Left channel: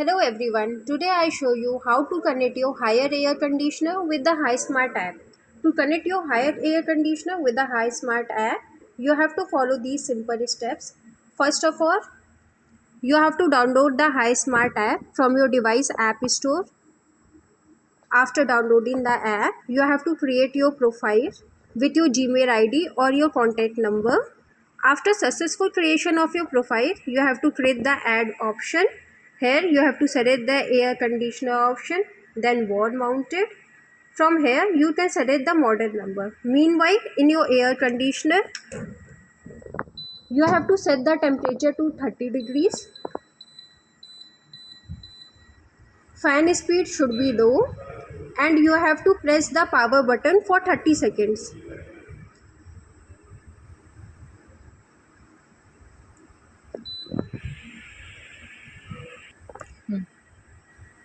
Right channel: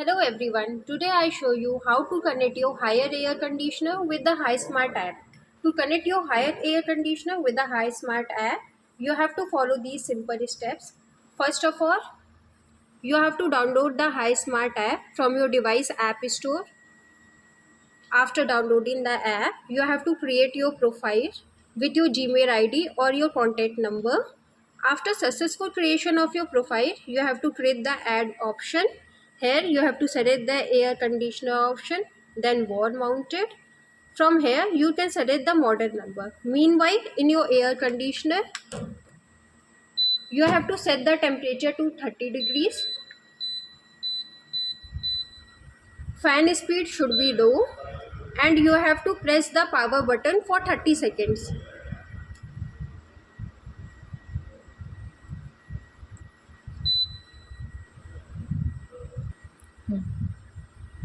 Hello everyone, today I show you how to connect your higher air conditioner with the HiSmart app. To connect your higher air conditioner with the HiSmart app, you have to follow these simple steps. First of all, you have to download the HiSmart app from your device app store. After downloading the app, you have to create your profile with your Gmail ID or your contact number. After successful creation of your profile, you have to create the add option. Here you have to select the air conditioner option, then wall mounted. From here you can select the model number. Meanwhile, in your air conditioner, you have to set the temperature to 30 degrees. Fan speed should be low and you have to press the power button for 30 seconds.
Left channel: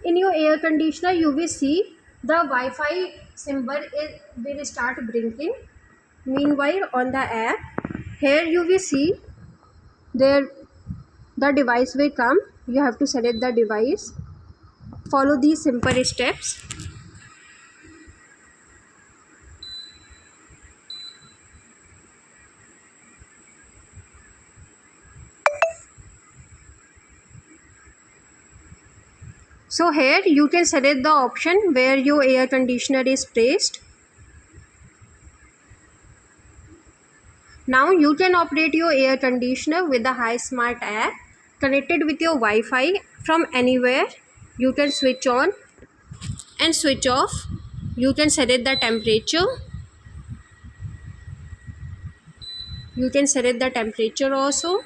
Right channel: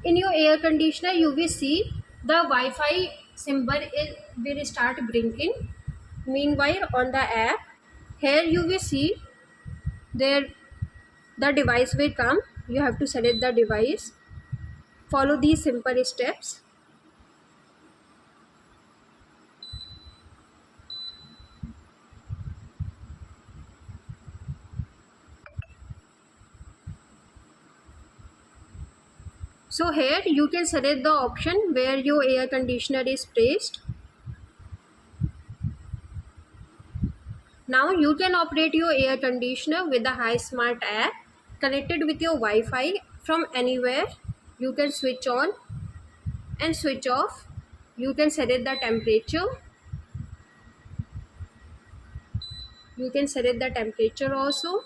In your air conditioner you will see the Wi-Fi symbol will start blinking. Meanwhile, on the app, here you will see there the device will come. You have to select the device, follow these simple steps. So here you can select the option where your air conditioner is placed. Now you can operate your air conditioner with the HiSmart app connected with your Wi-Fi from anywhere. You can switch on and switch off. You can select the temperature. You can select the temperature also.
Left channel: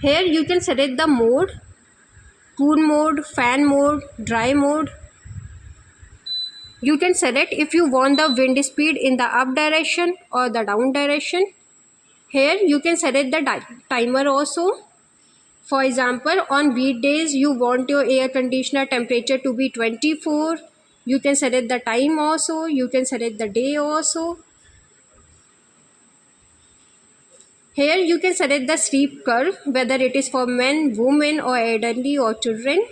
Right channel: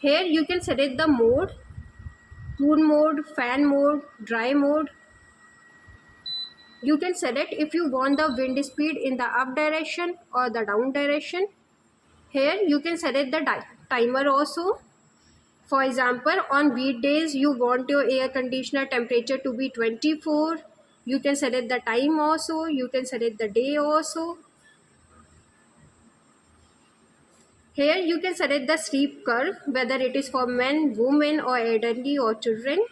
Here you can select the mode, cool mode, fan mode, dry mode. You can select if you want the wind speed in the up direction or the down direction. Here you can select the timer also. For example, on weekdays you want your air conditioner temperature to be 24. You can select the time also. You can select the day also. Here you can select the sleep curve, whether it is for men, women or elderly or children.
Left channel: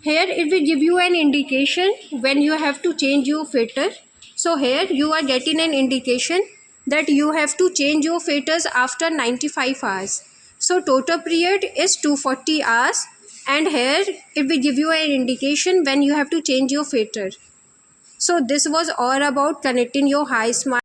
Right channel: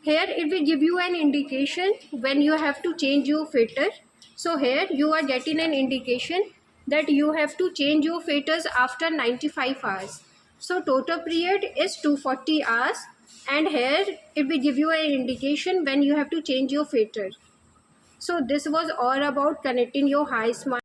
Here it will give you an indication when you have to change your filter. So here you are getting an indication that you have to change your filters after 95 hours. So total period is 240 hours and here it will give you an indication when you have to change your filter. So this was all about connecting your HiSmart